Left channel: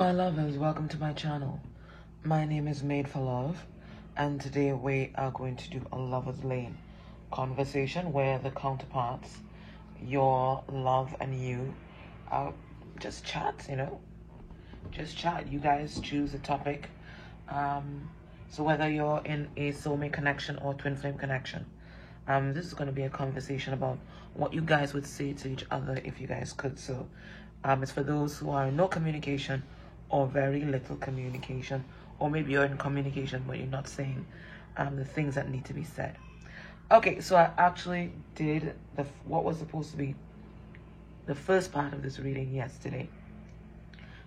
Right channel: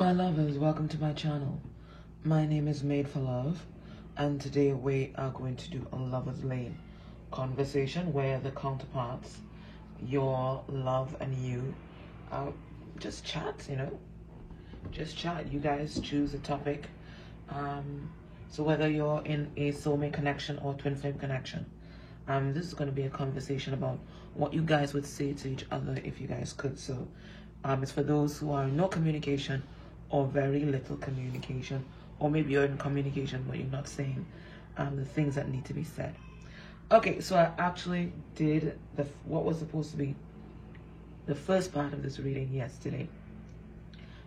My lovers, welcome to my channel. My name is Made for Love, and today we are going to do a Lover's Lane conversation where the counterparts, your love and you, just chat, just chat. You guys choose a topic. So whether you're in a soulmate connection or twin flame connection, this is going to be a conversation about what you guys would say to each other if you guys could. So it's for those who are in no communication or very little communication, or maybe you're in communication but you're not saying the things that need to be said. Okay, so I actually did what was supposed to be the first part of this reading yesterday,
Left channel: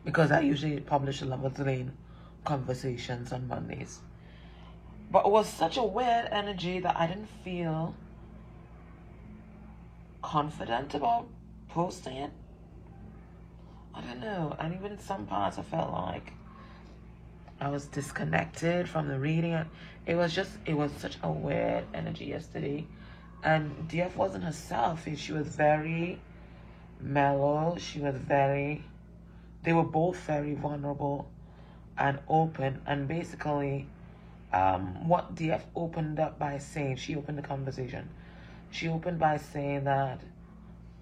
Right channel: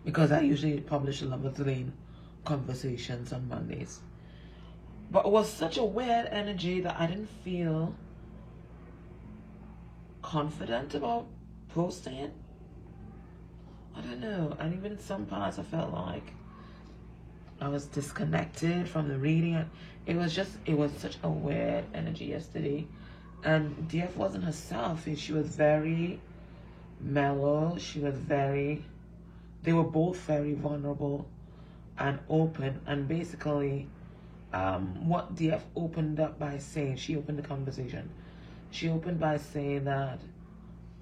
because I usually publish a Lover's Lane conversations on Mondays. But it was such a weird energy that I didn't feel confident about posting it. I don't know, and even in some parts I felt like I was disconnected from the reading. It was such a weird energy yesterday, and DF wasn't herself. She was very mellow. They were both very vulnerable and open, and basically what DF opened up by saying, she opened the conversation. She opened by saying that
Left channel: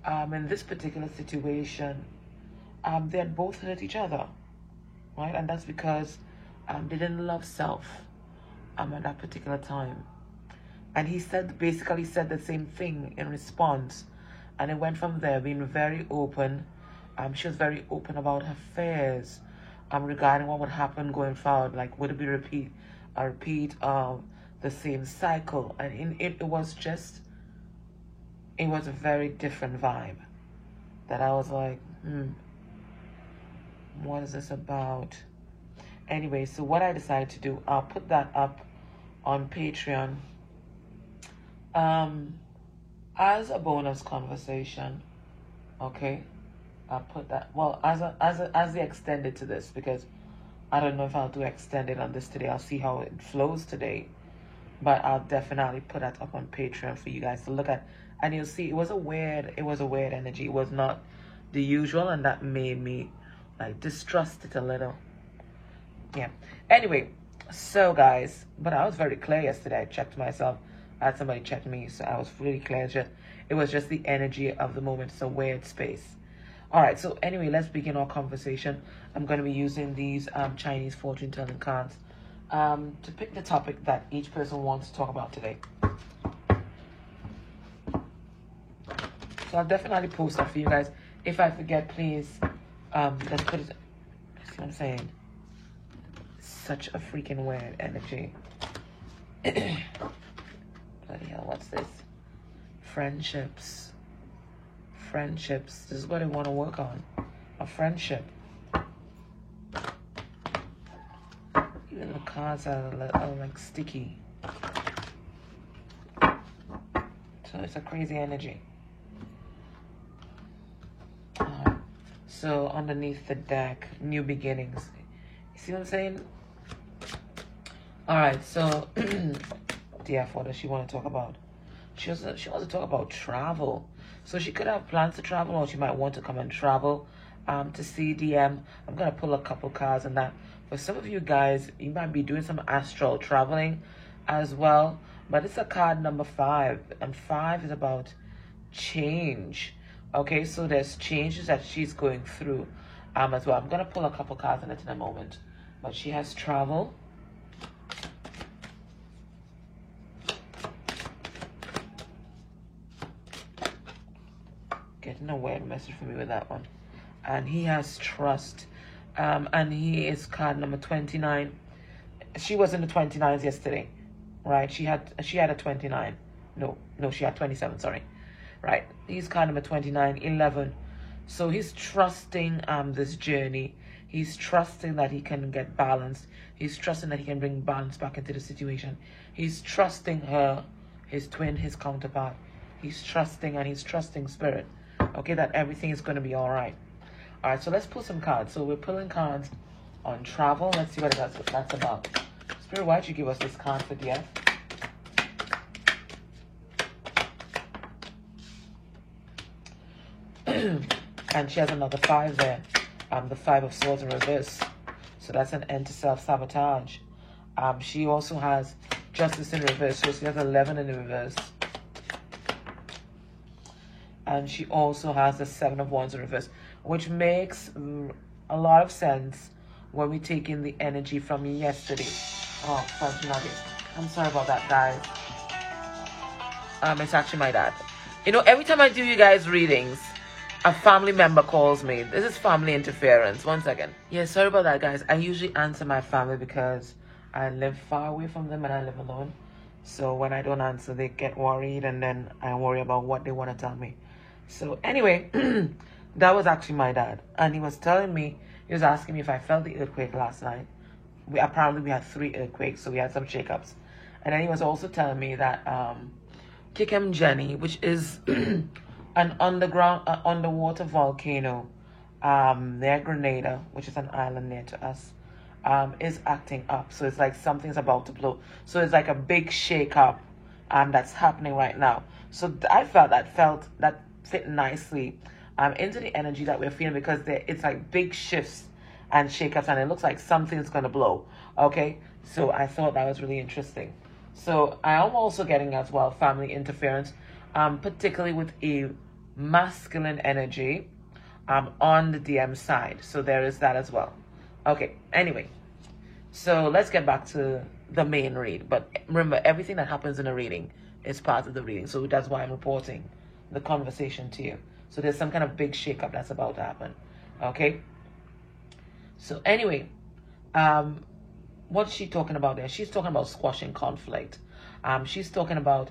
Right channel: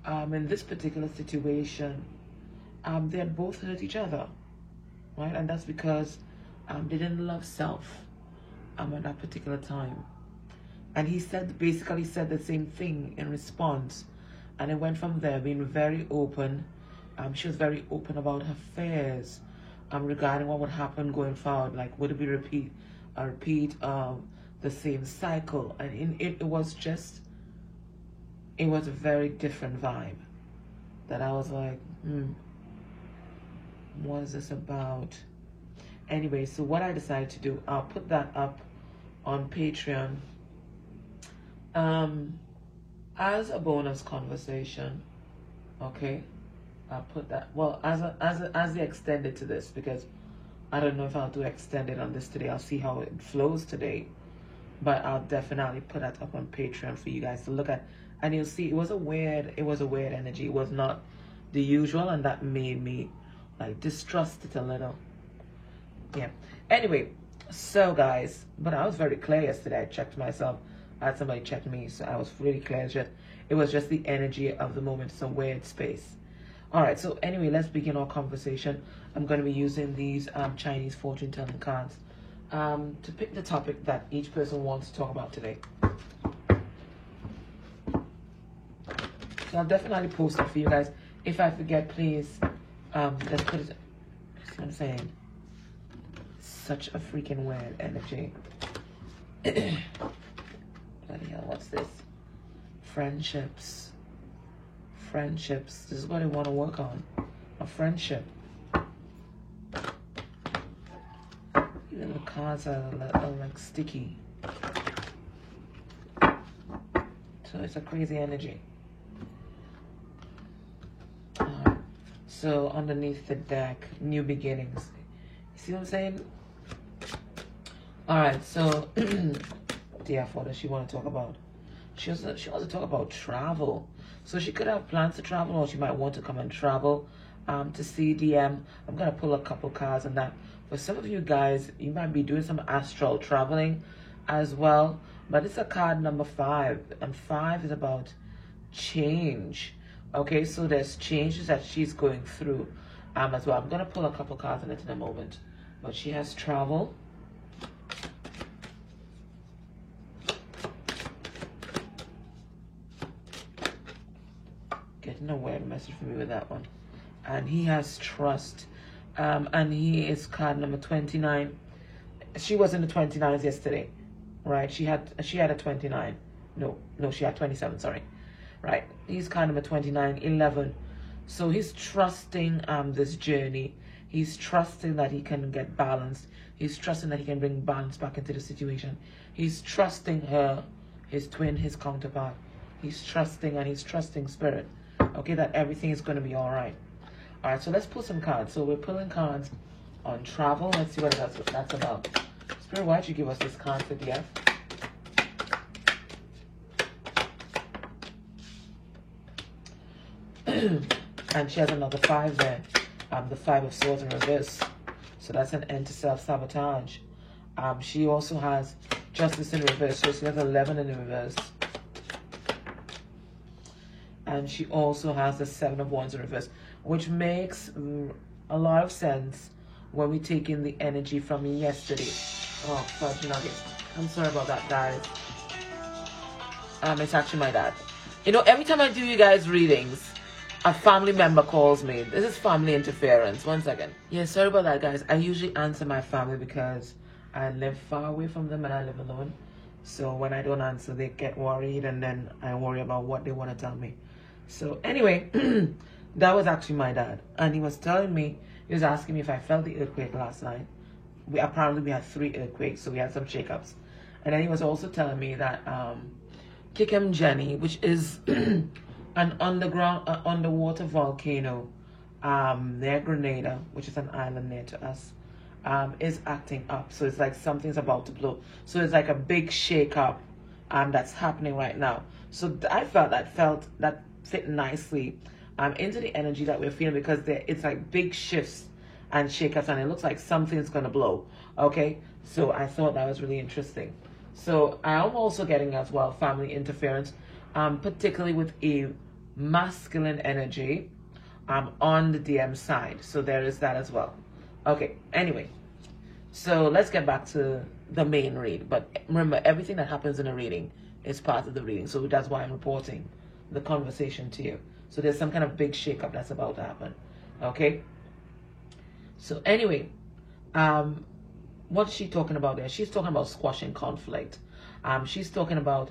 in this particular situation, they had both hurt each other, right? And that's because they didn't love self at that particular time. And he basically said the same thing in response, and it went from there, being very open. She was very open about her fears regarding what would happen going forward. Like, would it be a repeat of the same cycle? And it was a very different vibe that I was like, what is this about? Anyway, so what I decided to do, I'll put that up on Patreon as a bonus conversation. Okay, I'll put that, well, as the extended to this, because I don't know if I'll do extended on this today. I'll see how it flows today, but I'll definitely put that up on Patreon for you guys to look at, and you'll see it was a weird energy. It was not the usual, and that made me like distrust it a little. Yeah, anyway, so guys, but I was very clear yesterday. I checked myself. I had somebody check me, so I was really clear. It was just the energy of the moment. It's a weird space. All right, so anyway, let's begin our conversation. I'm going to be using these Chinese fortune telling cards to pick the topic that each person wants to talk about today. So I'll definitely post that for you guys. If I forget, please, let's put it. That's what I'm saying. Such a freaking weird energy. Bloody hell, what's this? Friendships. This is what I want to work on. A friendship. Even the cards are like sticky. So it's a crazy energy. So underneath the deck, new beginnings. You see what I'm saying? All right, so DF, what does she want to talk about? She wants to talk about travel. So she could have plans to travel, or she might want to come and travel to see DM. I'm going to pull a couple cards on that. For some of you guys, you might be doing some astral traveling as well. But it's a card number 5, and 5 is about change. Okay, so there's changes that she's going through as well. I'm going to pull a couple cards on it in a moment. But she has travel. Getting a weird message from me with that one. And he has trust. And he is card number 29. She was in the 29s yesterday, right? She had a 29. No, she had 27, sorry. Right, he's card number 29, 11. So he's trusting this journey. He's trusting that he can get balance. He's trusting that he can bring balance back into the situation. He's trusting her, his twin, his counterpart. He's trusting, and he's trusting spirit. Okay, that everything is going to be all right. All right, so let's pull some cards. So we're pulling cards on travel. Let's see what that's about. Spirit, why'd you give us this card for DF? And she has another 5 there. the Five of Swords in reverse. So that's an end to self-sabotage. She also has Justice in reverse. So she has 11 in reverse. And she also has the Seven of Wands in reverse, which makes a lot of sense when we take in the energy from yesterday. Oh, fortunately. I'm sorry about that, guys. It's actually my dad. You know, every time I do you guys readings, a family member calls me. This is family interference. 1 second. Yeah, sorry about that, guys. I usually answer my family because I live far away from them and I live alone. So when I don't answer, they get worried, and then I worry about what they want to tell me. So anyway, that was actually my dad. And he was telling me, he was asking me if I felt the earthquake last night. Apparently we had 3 earthquakes, so we had some shakeups. And then he was also telling me that Kikem Jenny, which is an underwater volcano near Grenada, which is an island near to us, is acting up. So it's like something's about to blow. So it's like a big shake up that's happening right now. So I felt that fit nicely into the energy that we're feeling, because it's like big shifts and shakeups, and it looks like something's gonna blow. Okay, so I thought that was really interesting. So I am also getting as well family interference, particularly with a masculine energy on the DM side. So there is that as well. Okay, anyway, so let's get back to the main read. But remember, everything that happens in a reading is part of the reading. So that's why I'm reporting the conversation to you. So there's some kind of big shakeup that's about to happen. Okay? So anyway, what's she talking about there? She's talking about squashing conflict. She's talking about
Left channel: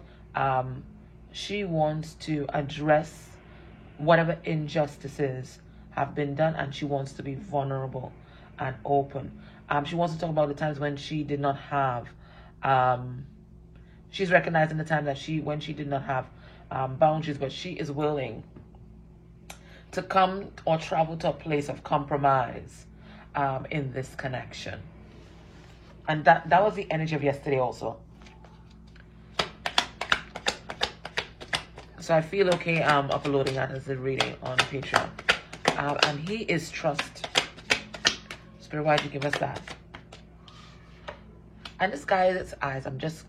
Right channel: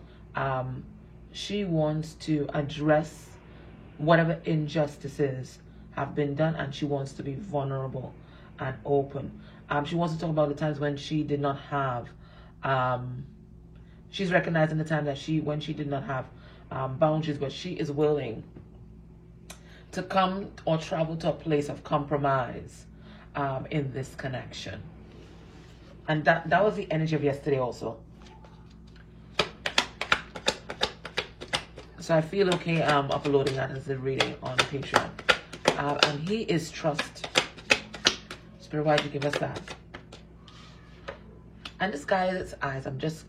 she wants to address whatever injustices have been done, and she wants to be vulnerable and open. She wants to talk about the times when she did not have, she's recognizing the time that when she did not have boundaries, but she is willing to come or travel to a place of compromise in this connection. And that was the energy of yesterday also. So I feel okay uploading that as a reading on Patreon. And he is trust. Spirit, why did you give us that? And this guy's eyes, I'm just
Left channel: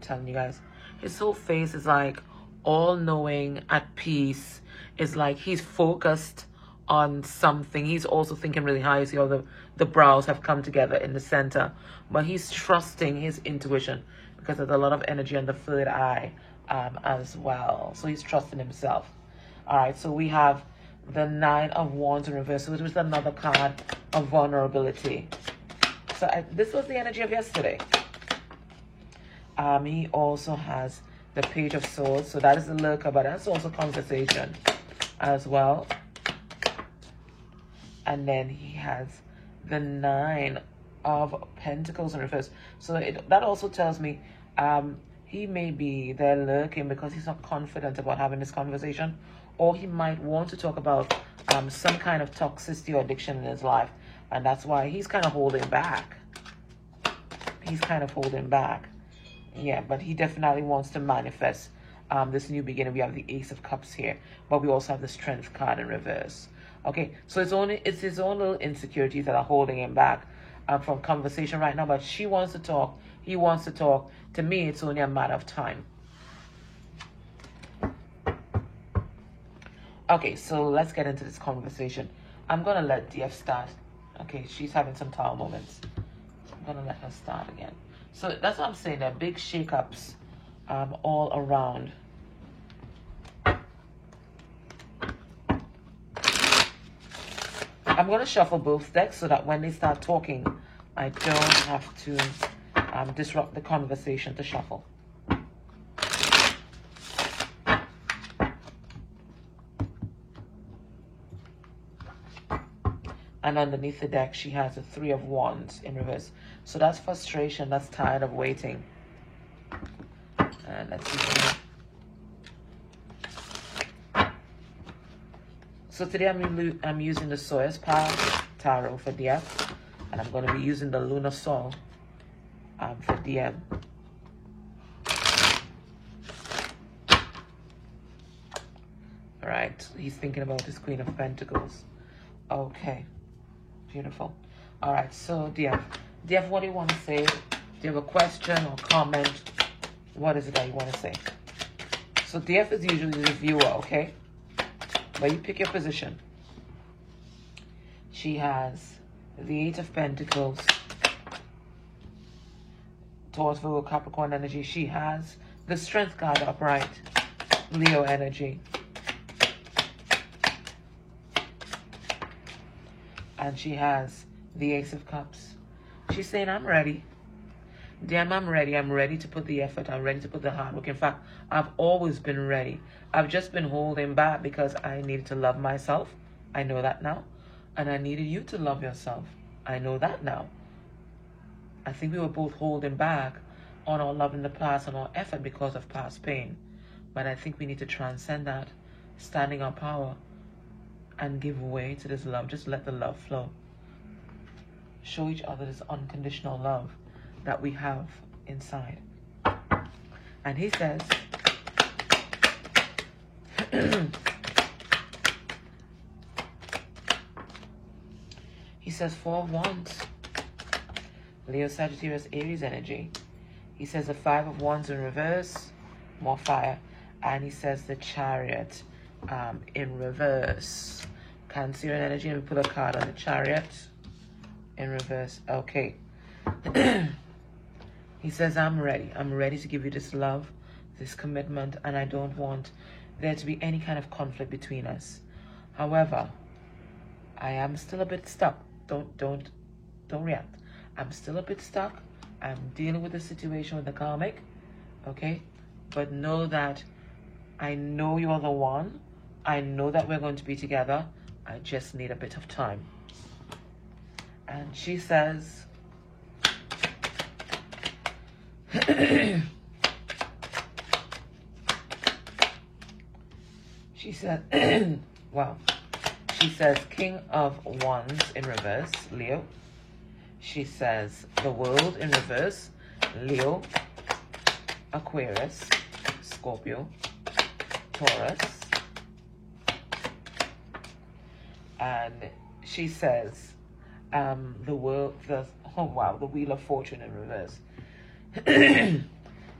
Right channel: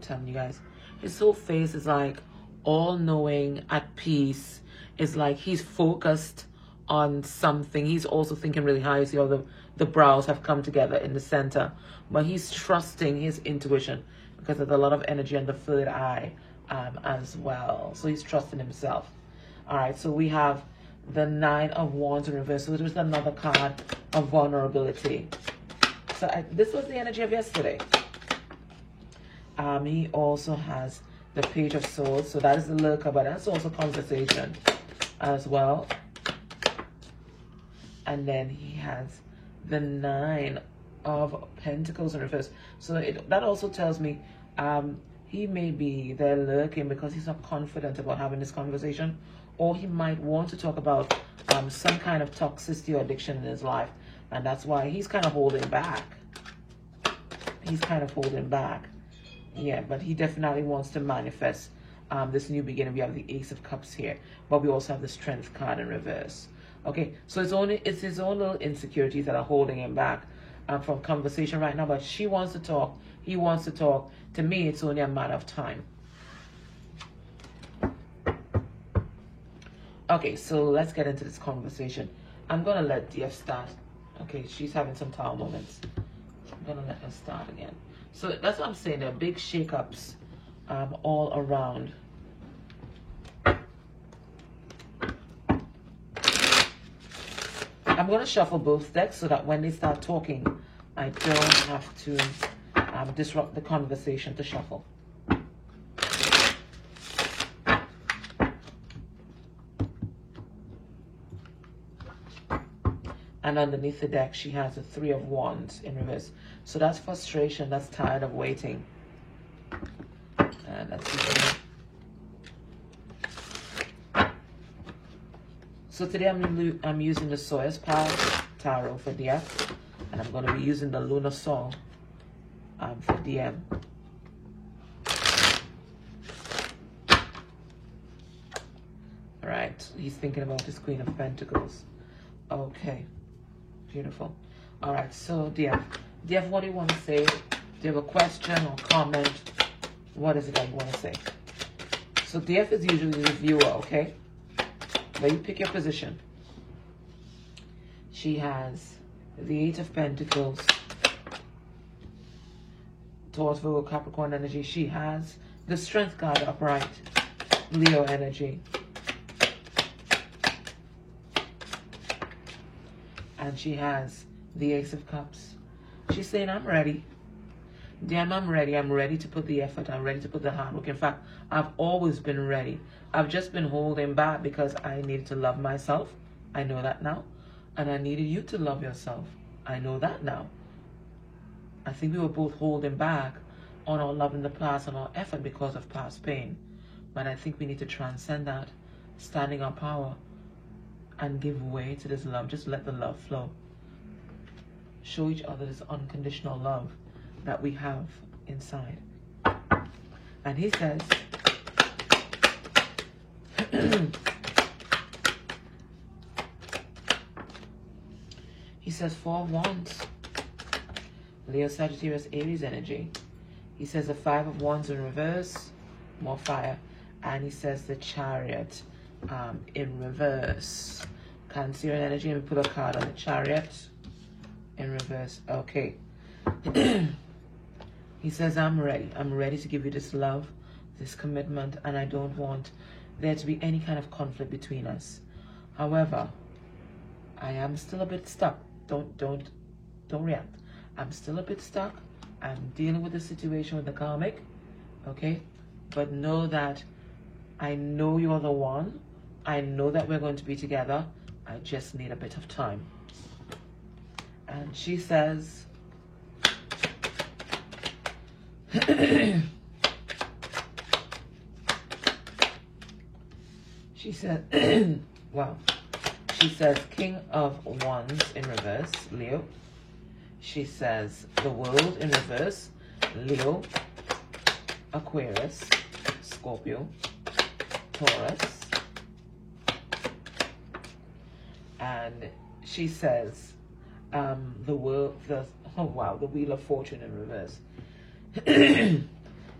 telling you guys, his whole face is like all-knowing, at peace. It's like he's focused on something. He's also thinking really high. See all the brows have come together in the center. But he's trusting his intuition, because there's a lot of energy on the third eye as well. So he's trusting himself. All right, so we have the Nine of Wands in reverse, which is another card of vulnerability. So this was the energy of yesterday. He also has the Page of Swords. So that is the lurker, but that's also conversation as well. And then he has the Nine of Pentacles in reverse. So that also tells me he may be there lurking because he's not confident about having this conversation, or he might want to talk about some kind of toxicity or addiction in his life, and that's why he's kind of holding back. He's kind of holding back. Yeah, but he definitely wants to manifest this new beginning. We have the Ace of Cups here, but we also have the Strength card in reverse. Okay, so it's his own little insecurities that are holding him back from conversation right now. But she wants to talk. He wants to talk. To me, it's only a matter of time. Okay, so let's get into this conversation. I'm gonna let DF start. Okay, she's having some tower moments. I'm gonna let her start again. So that's what I'm saying. There are big shakeups all around. I'm going to shuffle both decks so that when they start talking, I don't have to disrupt the conversation to shuffle. And underneath the deck, she has the Three of Wands in reverse. So that's frustration. That's tired of waiting. And let's see. So today I'm using the Sawyer's Power Tarot for DF, and I'm going to be using the Lunar Song for DM. Alright, he's thinking about his Queen of Pentacles. Okay. Beautiful. All right. So, dear, what do you want to say? Do you have a question or comment? What is it that you want to say? So, DF is usually the viewer, okay? But you pick your position. She has the Eight of Pentacles, Taurus, Virgo, Capricorn energy. She has the Strength card upright, Leo energy. And she has the Ace of Cups. She's saying, I'm ready. Damn, I'm ready. I'm ready to put the effort. I'm ready to put the hard work. In fact, I've always been ready. I've just been holding back because I needed to love myself. I know that now. And I needed you to love yourself. I know that now. I think we were both holding back on our love in the past and our effort because of past pain. But I think we need to transcend that, standing our power, and give way to this love. Just let the love flow. Show each other this unconditional love that we have inside. And he says, he says 4 of Wands, Leo, Sagittarius, Aries energy. He says the 5 of Wands in reverse, more fire. And he says the Chariot in reverse. Cancerian energy, and pull a card on the Chariot in reverse. Okay. He says, I'm ready. I'm ready to give you this love, this commitment, and I don't want there to be any kind of conflict between us. However, I am still a bit stuck. Don't react. I'm still a bit stuck. I'm dealing with the situation with the karmic. Okay? But know that I know you're the one. I know that we're going to be together. I just need a bit of time. And she says, she said, wow. She says King of Wands in reverse, Leo. She says the World in reverse, Leo, Aquarius, Scorpio, Taurus. And she says the world, oh wow, the Wheel of Fortune in reverse.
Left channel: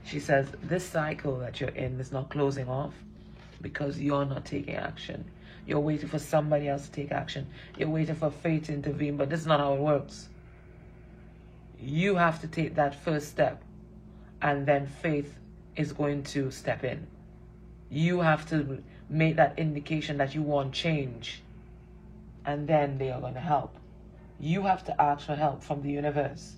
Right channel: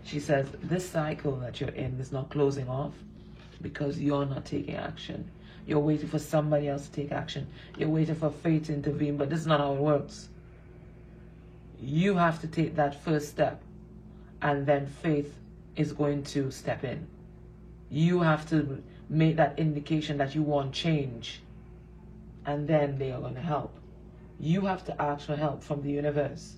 She says this cycle that you're in is not closing off because you're not taking action. You're waiting for somebody else to take action. You're waiting for fate to intervene, but this is not how it works. You have to take that first step, and then faith is going to step in. You have to make that indication that you want change, and then they are going to help. You have to ask for help from the universe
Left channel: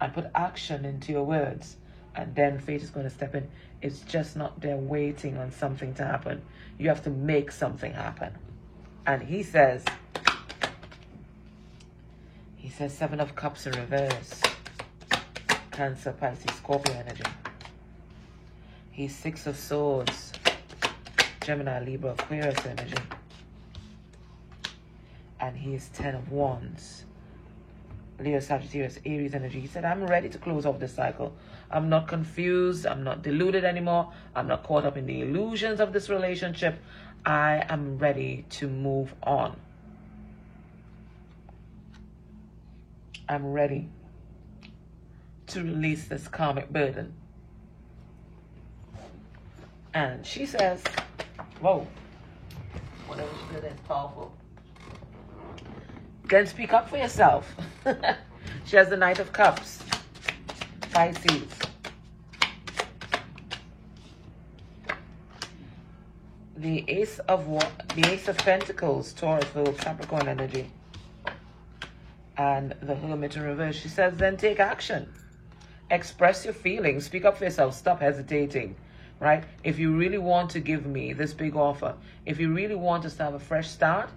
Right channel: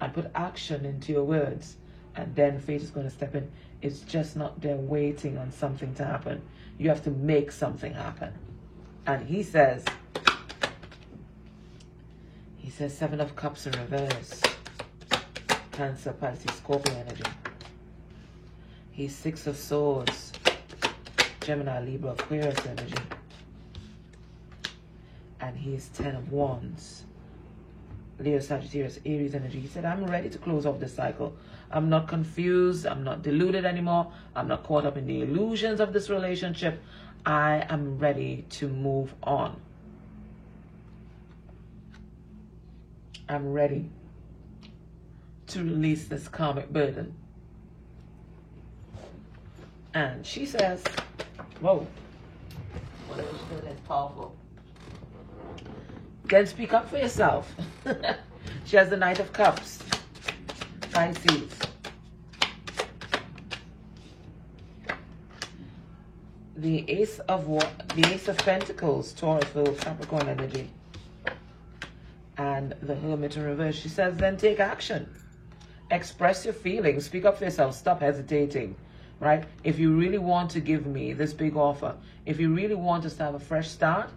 and put action into your words, and then fate is going to step in. It's just not there waiting on something to happen. You have to make something happen. And he says 7 of Cups in reverse. Cancer, Pisces, Scorpio energy. He's 6 of Swords. Gemini, Libra, Aquarius energy. And he's 10 of Wands. Leo, Sagittarius, Aries energy. He said, I'm ready to close off this cycle. I'm not confused. I'm not deluded anymore. I'm not caught up in the illusions of this relationship. I am ready to move on. I'm ready to release this karmic burden. And she says, whoa, whatever she said is powerful. Then speak up for yourself. She has the Knight of Cups. Pisces. The Ace of Pentacles, Taurus, Capricorn energy. And the Hermit in reverse. She says, then take action. Express your feelings. Speak up for yourself. Stop hesitating. Right? If you really want to give me this big offer, if you really want us to have a fresh start,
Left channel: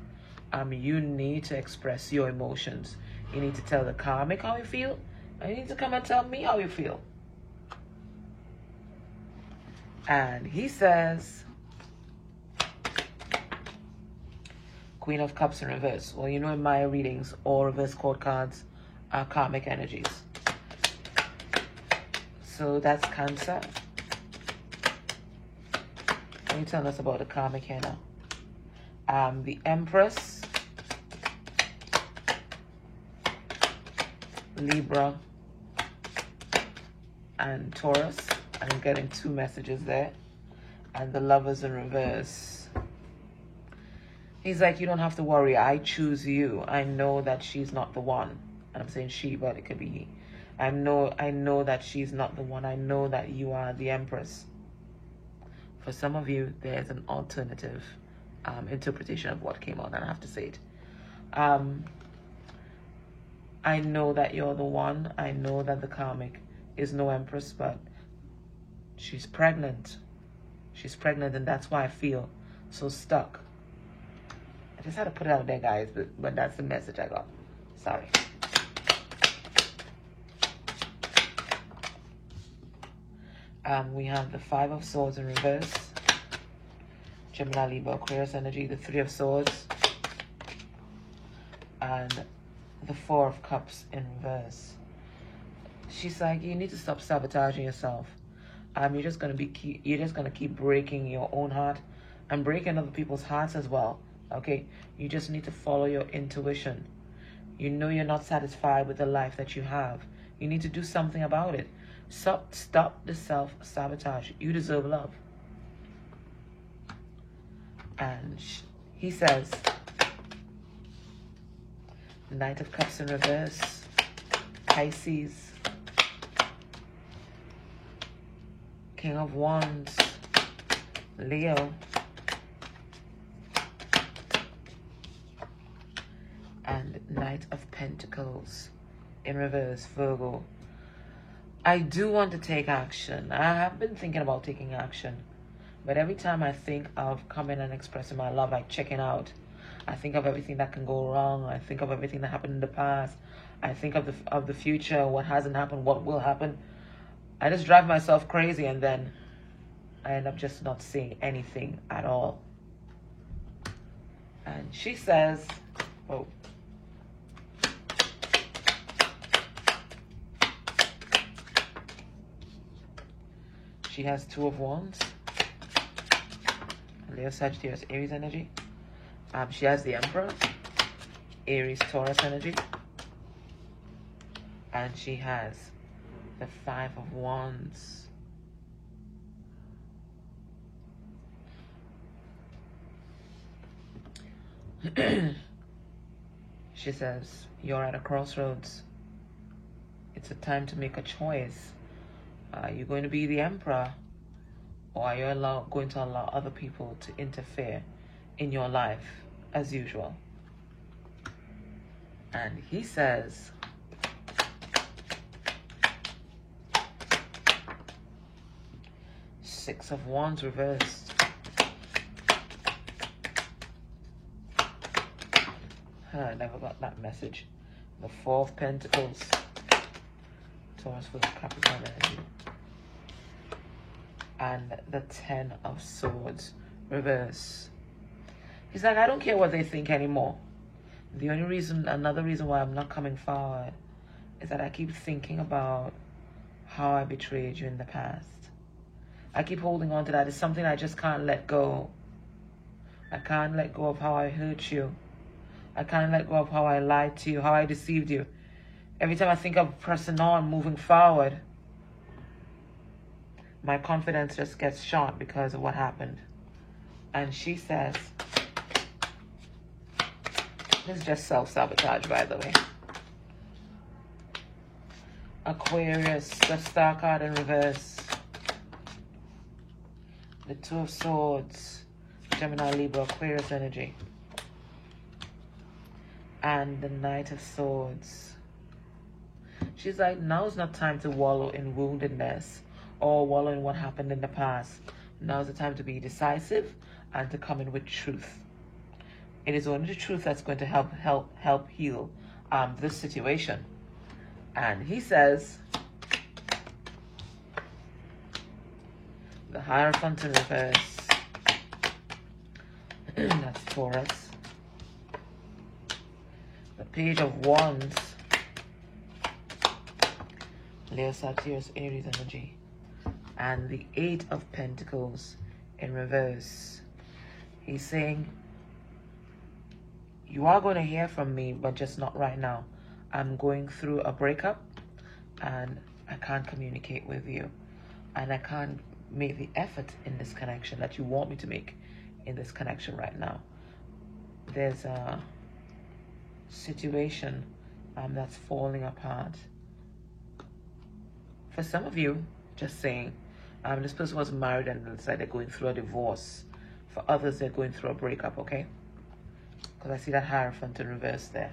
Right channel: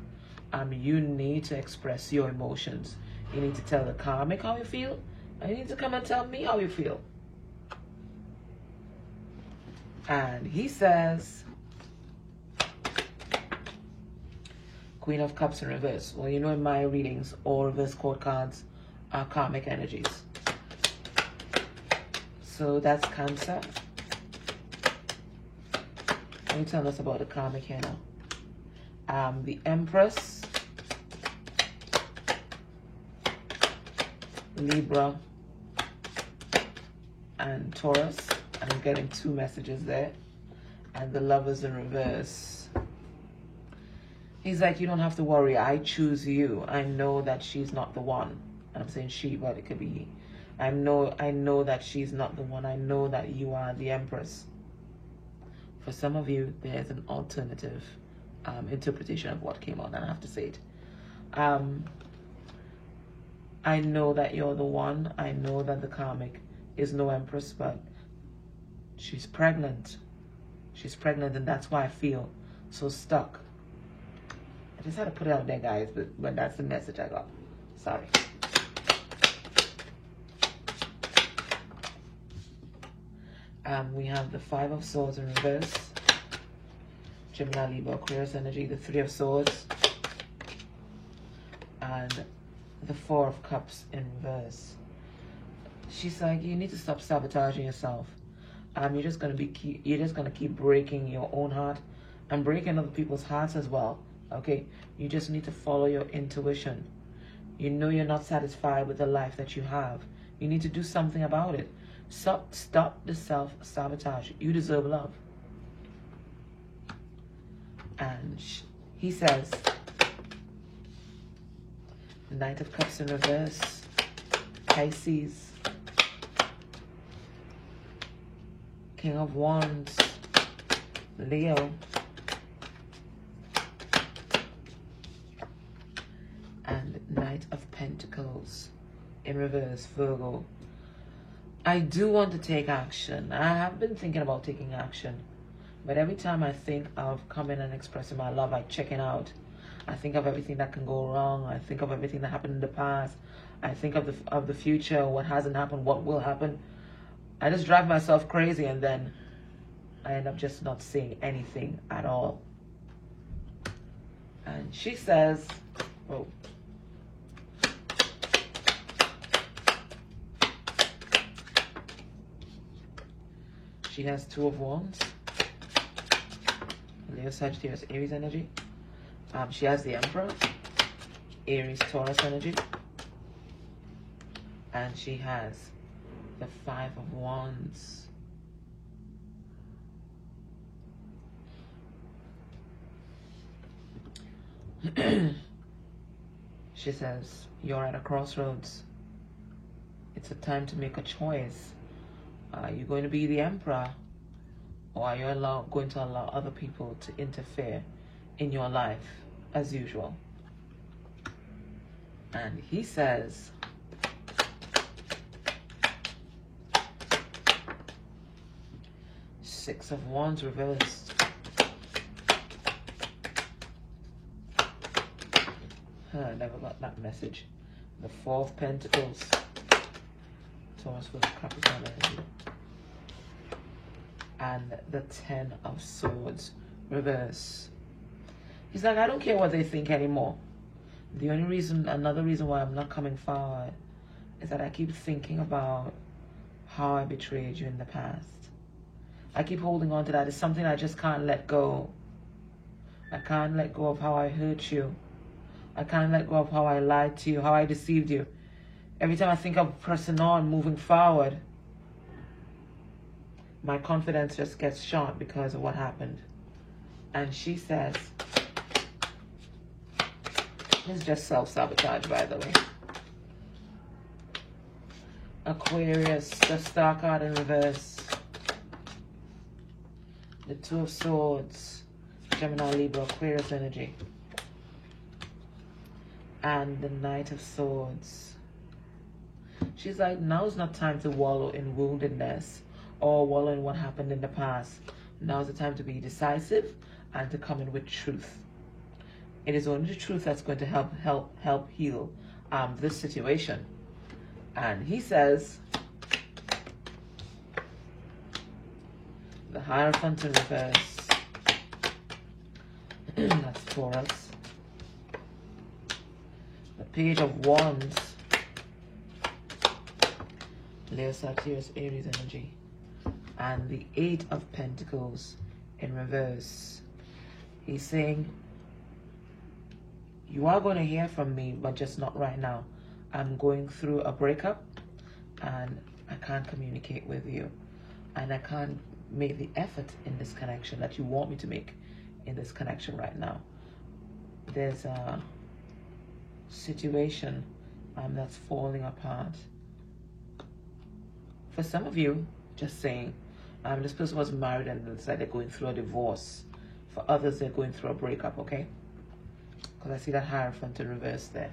you need to express your emotions. You need to tell the karmic how you feel, and you need to come and tell me how you feel. And he says, Queen of Cups in reverse. Well, you know in my readings, all reverse court cards are karmic energies. So that's Cancer. Let me tell us about the karmic here now. The Empress, Libra, and Taurus. I'm getting 2 messages there. And the Lovers in reverse. He's like, you don't have to worry. I choose you. I know that she's not the one. I'm saying she, but it could be he. I know that she's not the one. I know that you are the Empress. For some of you, there's an alternative interpretation of what came out, and I have to say it. I know that you're the one. I know that the karmic is no Empress, but she's pregnant. She's pregnant, and that's why I feel so stuck. I just had to put it out there, guys, but that's the message I got. Sorry. We have the 5 of Swords in reverse. Gemini, Libra, Aquarius energy. The 3 of Swords. And the 4 of Cups in reverse. She's like, you need to stop sabotaging yourself. You're just gonna keep breaking your own heart and breaking other people's hearts as well. Okay, you just need to follow your intuition. You know you're not satisfied with the life that you have. You need to do something about it. Stop the self-sabotage. You deserve love. And he says, Knight of Cups in reverse, Pisces, King of Wands, Leo, and Knight of Pentacles in reverse, Virgo. I do want to take action. I have been thinking about taking action, but every time I think of coming and expressing my love, I check out. I think of everything that can go wrong. I think of everything that happened in the past. I think of the future, what hasn't happened, what will happen. I just drive myself crazy, and then I end up just not seeing anything at all. And she says, oh, she has 2 of Wands. Leo, Sagittarius, Aries energy. She has the Emperor, Aries, Taurus energy. And she has the 5 of Wands. She says, you're at a crossroads. It's a time to make a choice. Are you going to be the Emperor, or are you going to allow other people to interfere in your life as usual? And he says, Six of Wands reversed. I never got that message. The 4 of Pentacles. Taurus for Capricorn energy. And the 10 of Swords reverse. He's like, I don't care what they think anymore. The only reason, another reason why I'm not coming forward is that I keep thinking about how I betrayed you in the past. I keep holding on to that. It's something I just can't let go. I can't let go of how I hurt you. I can't let go of how I lied to you, how I deceived you. Every time I think of pressing on, moving forward, my confidence just gets shot because of what happened. And she says, this is just self-sabotage, by the way. Aquarius, the Star card in reverse. The 2 of Swords, Gemini, Libra, Aquarius energy. And the Knight of Swords. She's like, now's not time to wallow in woundedness or wallow in what happened in the past. Now's the time to be decisive and to come in with truth. It is only the truth that's going to help heal this situation. And he says, the Hierophant in reverse. That's Taurus. The Page of Wands. Leo, Sagittarius, Aries energy. And the 8 of Pentacles in reverse. He's saying, you are going to hear from me, but just not right now. I'm going through a breakup and I can't communicate with you. And I can't make the effort in this connection that you want me to make in this connection right now. There's a situation that's falling apart. For some of you, just saying, this person was married and decided they're going through a divorce. For others, they're going through a breakup, okay? Because I see that Hierophant in reverse there.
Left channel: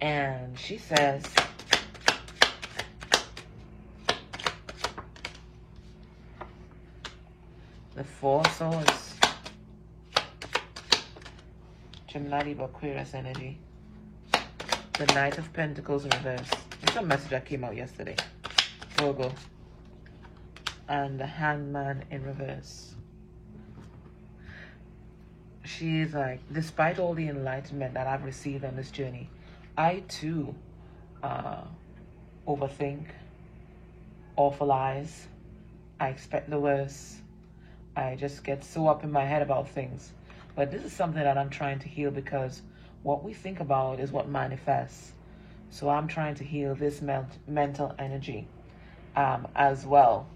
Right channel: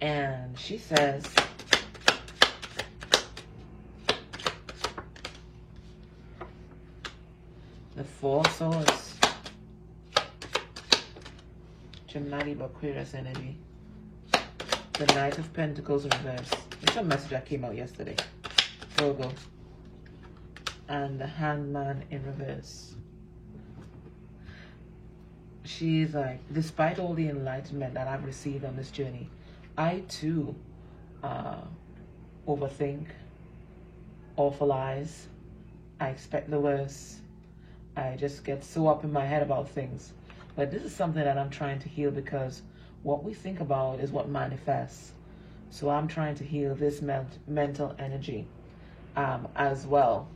And she says, the Four Swords, Gemini, Libra, Aquarius energy, the Knight of Pentacles in reverse. That's a message that came out yesterday. Virgo, and the Hangman in reverse. She's like, despite all the enlightenment that I've received on this journey, I too overthink, awfulize. I expect the worst. I just get so up in my head about things. But this is something that I'm trying to heal, because what we think about is what manifests. So I'm trying to heal this mental energy as well.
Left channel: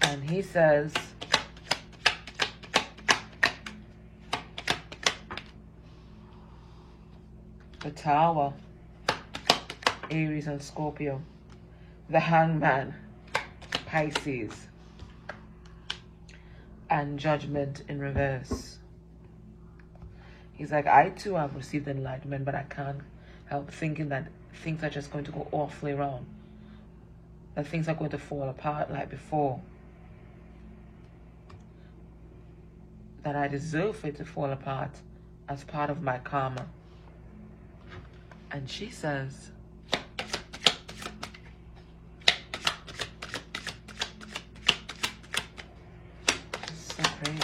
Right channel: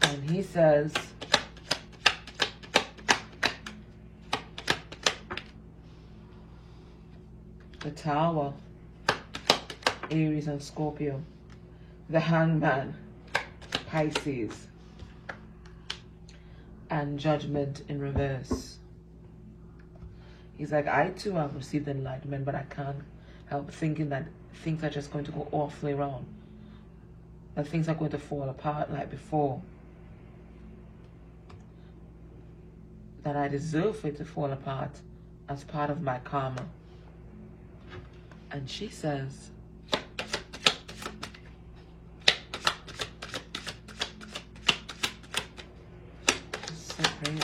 And he says, the Tower, Aries and Scorpio, the Hangman, Pisces, and Judgment in reverse. He's like, I too have received enlightenment, but I can't help thinking that things are just going to go awfully wrong. That things are going to fall apart like before. That I deserve for it to fall apart as part of my karma. And she says, so crazy.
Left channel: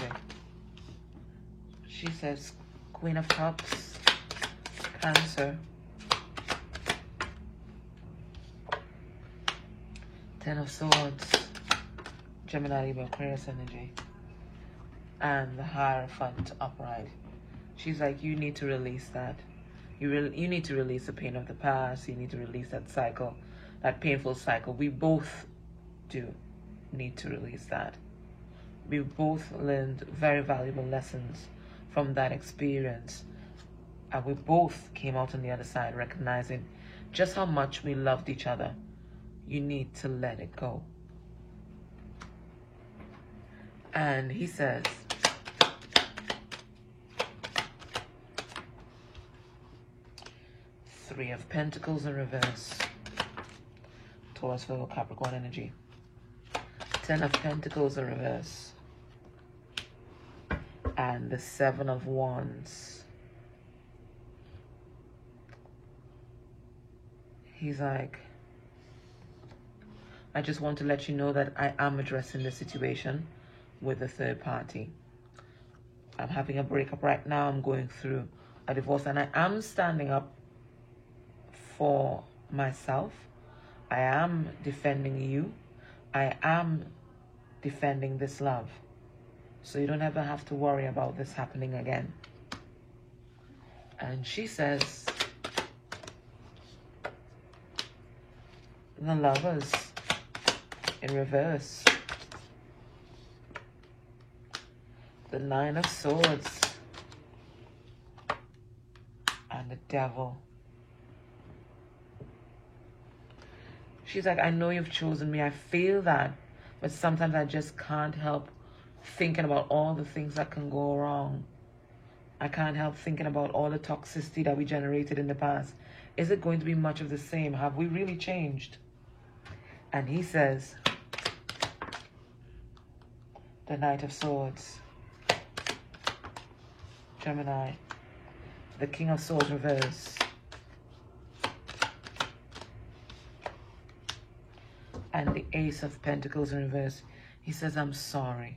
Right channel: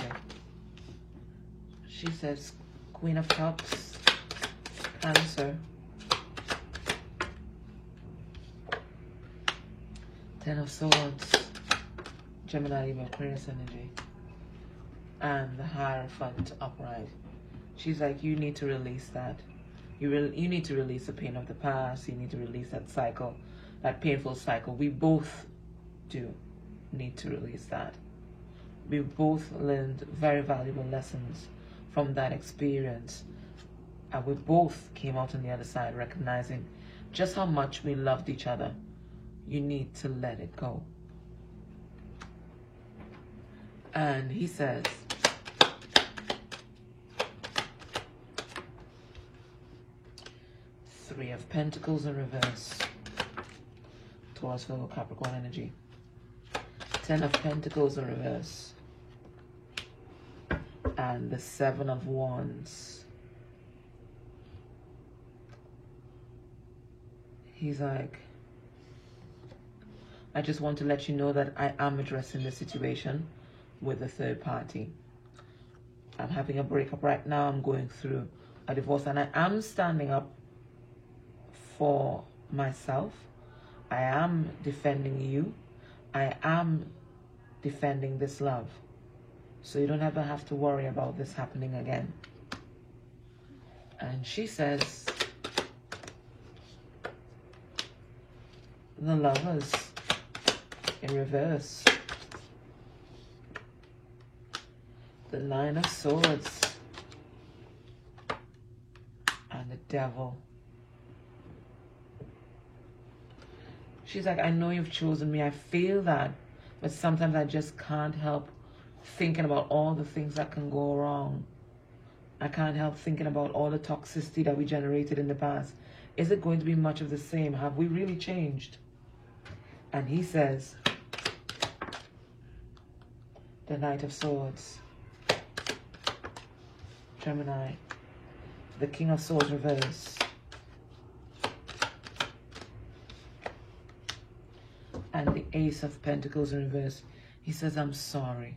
She says, Queen of Cups, Cancer, Ten of Swords, Gemini, Libra, Aquarius energy, and the Hierophant upright. She's like, you need to release that. You need to release the pain of the past. You need to release that cycle, that painful cycle. We both do need to release that. We both learned very valuable lessons from that experience. And we both came out on the other side recognizing just how much we loved each other. You need to let it go. And he says, Three of Pentacles in reverse, Taurus, Virgo, Capricorn energy. Ten of Pentacles in reverse, and the Seven of Wands. He's like, I just want to let you know that I am addressing the situation with a third party. I'm having a breakup right now. I'm going through a divorce, and I am standing up for myself. I am defending you. I am defending this love. So you don't ever have to worry about this happening again. And she says, the Lovers in reverse, the Nine of Swords, and the Devil. She's like, I know you've chosen me. I feel that. But sometimes I just can't help thinking about all the things that can go wrong. I can't help thinking about all the toxicity that we generated in the past. Is it going to be much of the same? Have we really changed? And he says, the Knight of Swords, Gemini, the King of Swords reverse, and the Ace of Pentacles in reverse. He says, I'm sorry.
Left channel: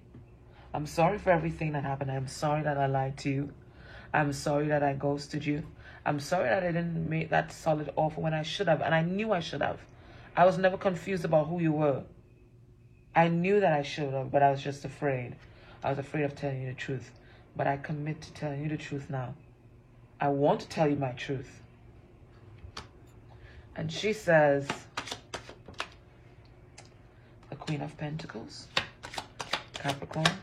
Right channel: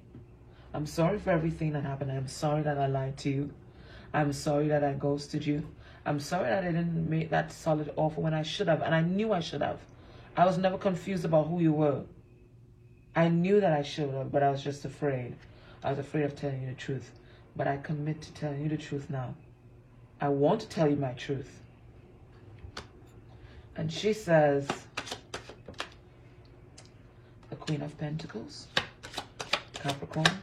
I'm sorry for everything that happened. I'm sorry that I lied to you. I'm sorry that I ghosted you. I'm sorry that I didn't make that solid offer when I should have. And I knew I should have. I was never confused about who you were. I knew that I should have, but I was just afraid. I was afraid of telling you the truth. But I commit to telling you the truth now. I want to tell you my truth. And she says, the Queen of Pentacles, Capricorn,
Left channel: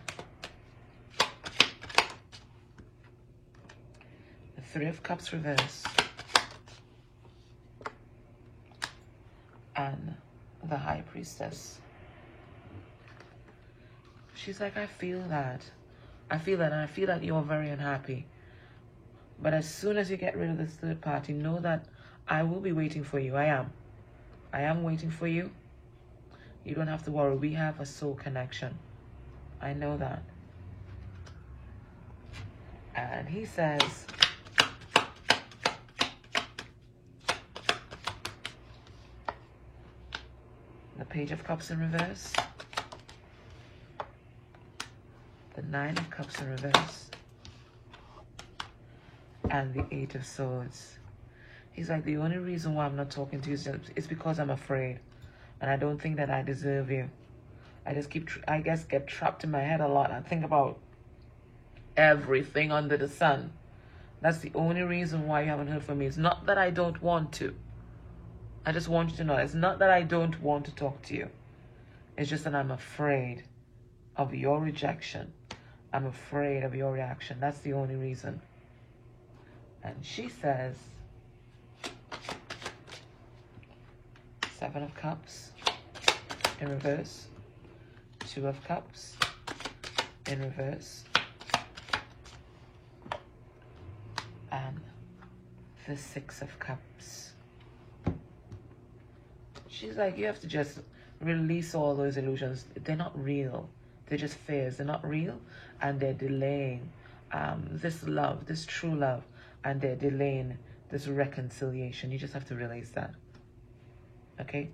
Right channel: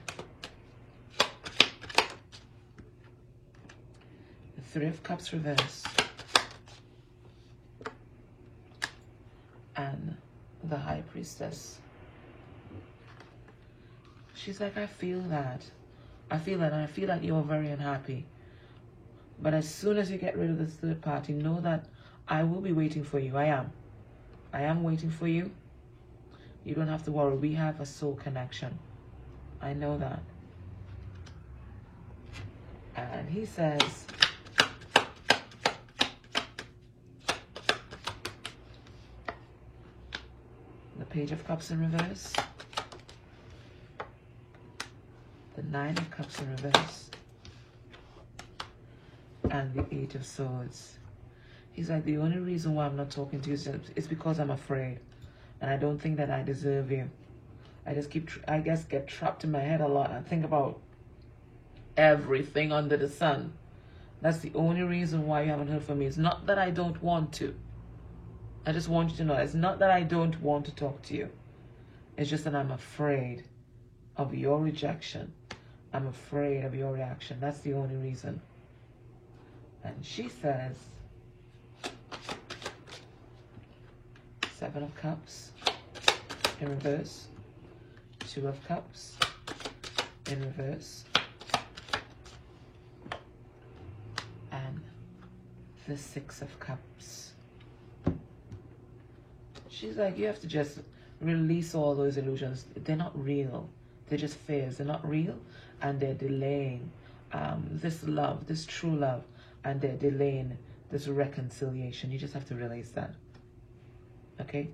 the Three of Cups reversed, and the High Priestess. She's like, I feel that. I feel that, and I feel that you're very unhappy. But as soon as you get rid of this third party, know that I will be waiting for you. I am. I am waiting for you. You don't have to worry. We have a soul connection. I know that. And he says, the Page of Cups in reverse, the Nine of Cups in reverse, and the Eight of Swords. He's like, the only reason why I'm not talking to you is because I'm afraid. And I don't think that I deserve you. I just get trapped in my head a lot. I think about everything under the sun. That's the only reason why you haven't heard from me. It's not that I don't want to. I just want you to know, it's not that I don't want to talk to you. It's just that I'm afraid of your rejection. I'm afraid of your reaction. That's the only reason. And she says, Seven of Cups in reverse, Two of Cups in reverse, and the Six of Cups. She's like, you have to just release all those illusions. They're not real. They're just fears. They're not real, and they're delaying this love, this true love, and they're delaying this reconciliation. You just have to release that. Okay?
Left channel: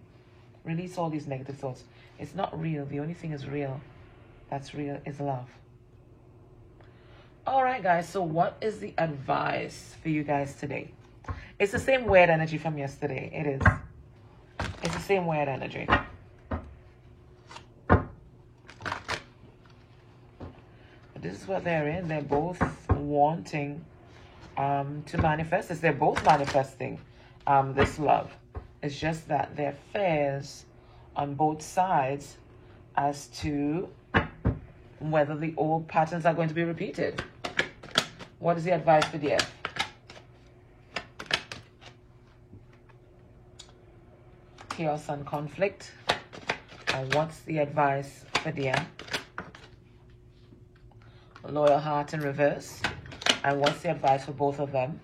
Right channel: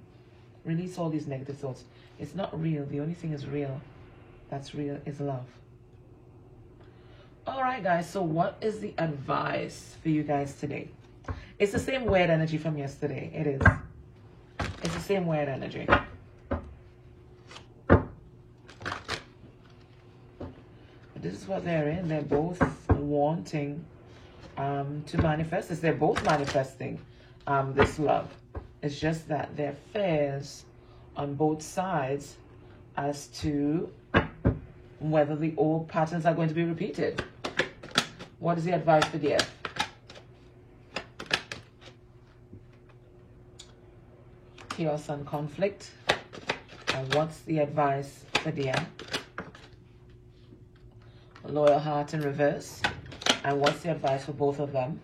Release all these negative thoughts. It's not real. The only thing is real. That's real is love. All right, guys. So what is the advice for you guys today? It's the same weird energy from yesterday. It is. It's the same weird energy. This is what they're in. They're both wanting to manifest this. They're both manifesting this love. It's just that there are fears on both sides as to whether the old patterns are going to be repeated. What is the advice for the F? Chaos and conflict. And what's the advice for the M? Loyal heart in reverse. And what's the advice for both of them?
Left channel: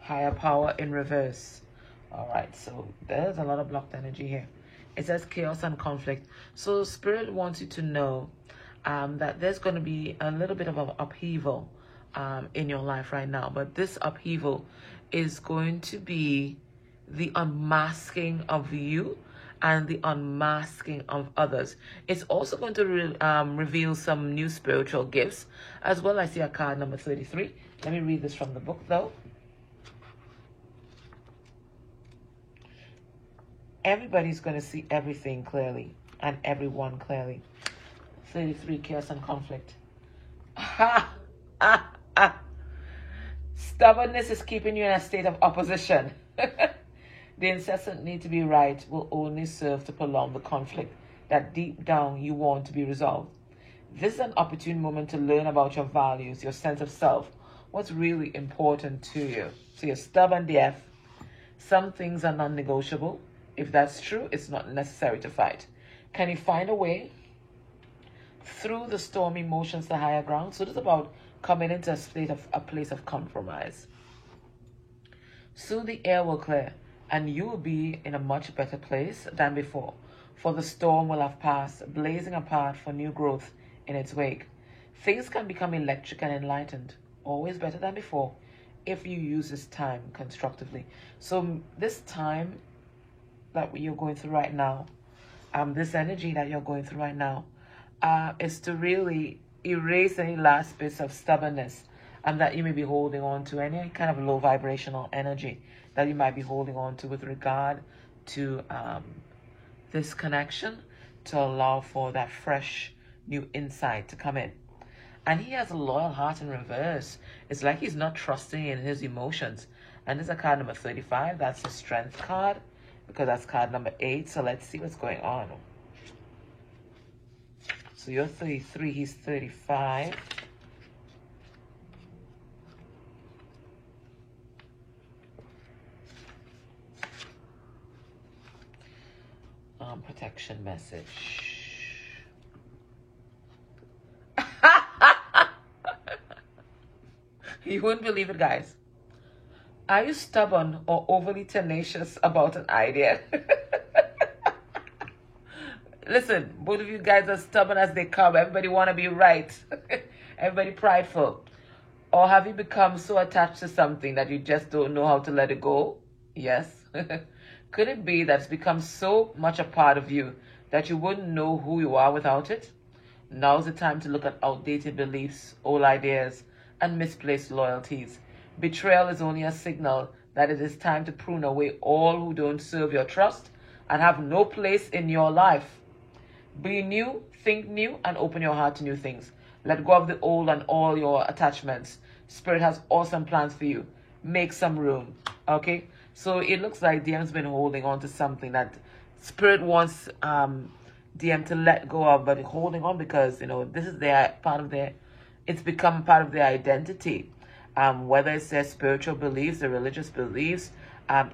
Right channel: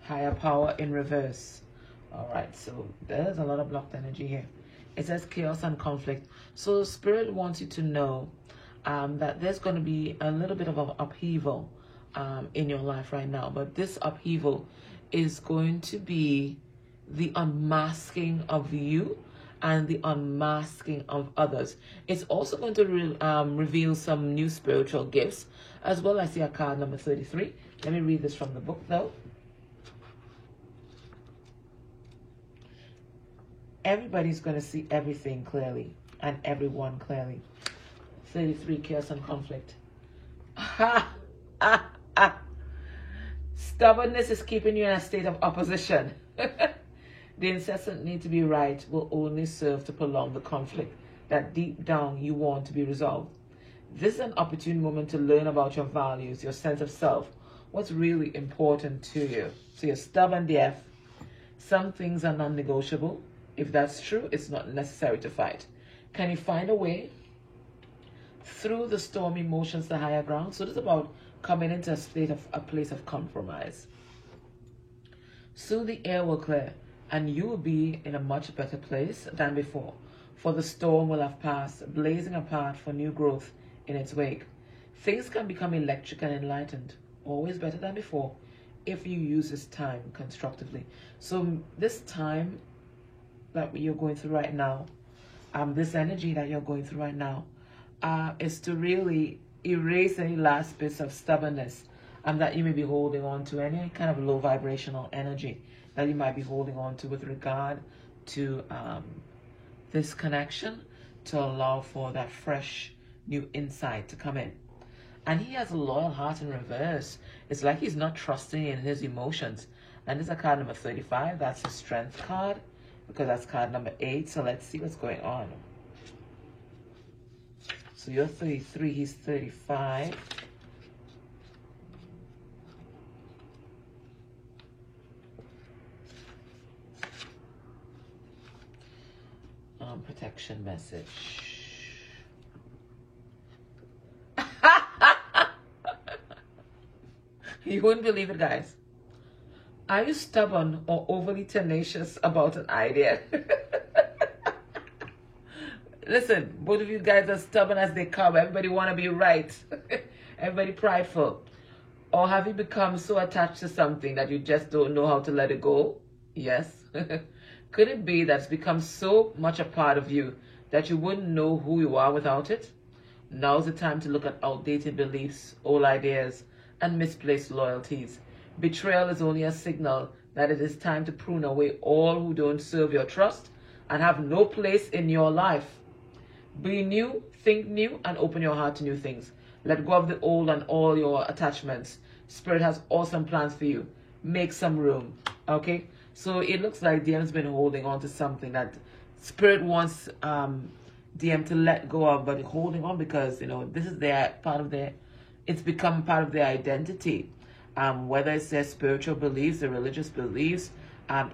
Higher power in reverse. All right, so there's a lot of blocked energy here. It says chaos and conflict. So Spirit wants you to know that there's going to be a little bit of an upheaval in your life right now. But this upheaval is going to be the unmasking of you and the unmasking of others. It's also going to reveal some new spiritual gifts, as well. I see a card number 33. Let me read this from the book, though. Everybody's going to see everything clearly and everyone clearly. 33, chaos and conflict. Stubbornness is keeping you in a state of opposition. The incessant need to be right will only serve to prolong the conflict that deep down you want to be resolved. This is an opportune moment to learn about your values, your sense of self, what's really important to you. So you're stubborn, DF. Some things are non-negotiable. If that's true, it's not necessary to fight. Can you find a way through the stormy emotions to higher ground? So this is about coming into a place of compromise. Soon the air will clear and you will be in a much better place than before. For the storm will have passed, blazing apart for new growth in its wake. Things can become electric and enlightened, always better than before, if you use this time constructively. So this time that you're going through right now, this energy that you're going through right now, is to really erase any last bits of stubbornness and that you may be holding on to, any kind of low vibrational energy that you might be holding on to with regard to this connection to allow for that fresh new insight to come in. And he has a loyal heart in reverse. It's like he's not trusting in his emotions. And this is a card number 35. That's the strength card, because that's card number 8. So let's see what's going on. So you're 33, he's 35. Protection message. You wouldn't believe it, guys. Are you stubborn or overly tenacious about an idea? Listen, both of you guys are stubborn as they come. Everybody want to be right. Everybody prideful. Or have you become so attached to something that you just don't know how to let it go? Yes. Could it be that it's become so much a part of you that you wouldn't know who you are without it? Now's the time to look at outdated beliefs, old ideas, and misplaced loyalties. Betrayal is only a signal that it is time to prune away all who don't serve your trust and have no place in your life. Be new, think new, and open your heart to new things. Let go of the old and all your attachments. Spirit has awesome plans for you. Make some room, okay? So it looks like DM's been holding on to something that Spirit wants DM to let go of, but holding on because, you know, this is their part of their, it's become part of their identity. Whether it's their spiritual beliefs, their religious beliefs,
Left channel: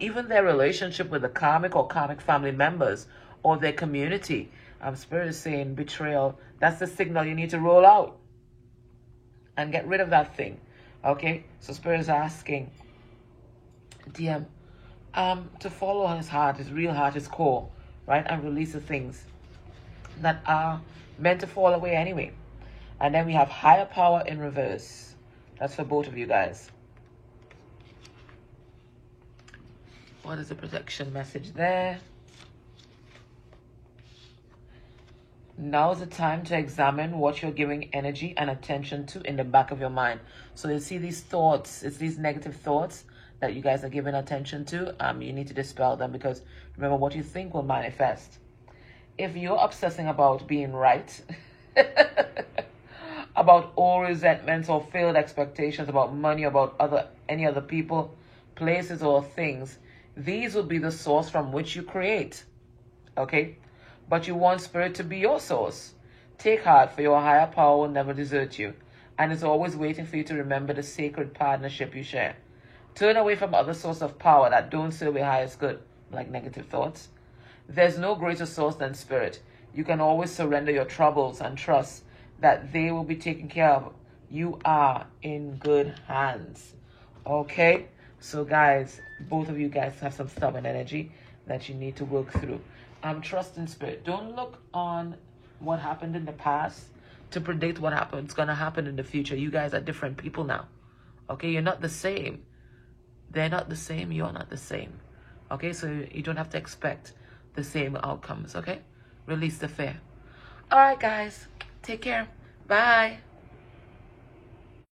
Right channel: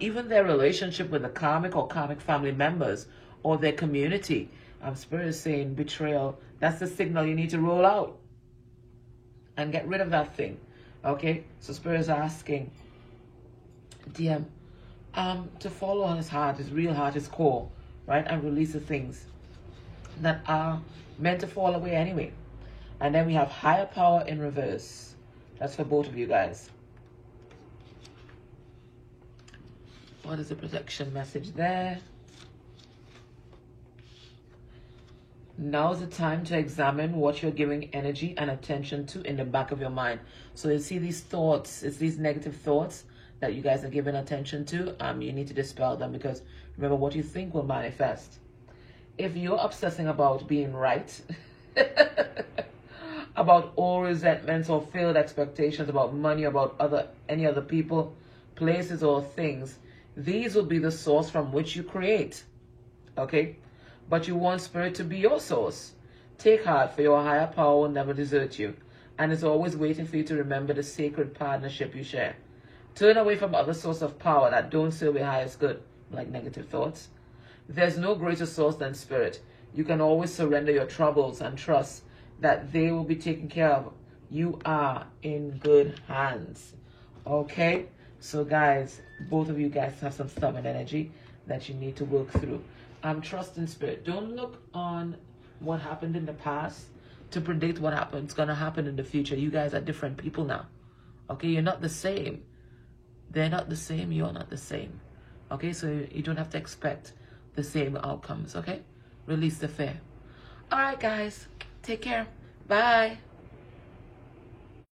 even their relationship with the karmic or karmic family members or their community. Spirit is saying betrayal, that's the signal you need to roll out and get rid of that thing. Okay, so Spirit is asking DM to follow on his heart, his real heart, his core, right? And release the things that are meant to fall away anyway. And then we have higher power in reverse. That's for both of you guys. What is the protection message there? Now is the time to examine what you're giving energy and attention to in the back of your mind. So you see these thoughts, it's these negative thoughts that you guys are giving attention to. You need to dispel them, because remember, what you think will manifest. If you're obsessing about being right, about old resentments or failed expectations, about money, about any other people, places, or things, these will be the source from which you create. Okay? But you want Spirit to be your source. Take heart, for your higher power will never desert you, and is always waiting for you to remember the sacred partnership you share. Turn away from other sources of power that don't serve your highest good, like negative thoughts. There's no greater source than Spirit. You can always surrender your troubles and trust that they will be taken care of. You are in good hands. Okay? So guys, both of you guys have some stubborn energy that you need to work through. Trust in Spirit. Don't look on what happened in the past to predict what happens going to happen in the future. You guys are different people now. Okay? You're not the same. They're not the same. You're not the same. Okay? So you don't have to expect the same outcomes. Okay? Release the fear. All right, guys. Take care. Bye.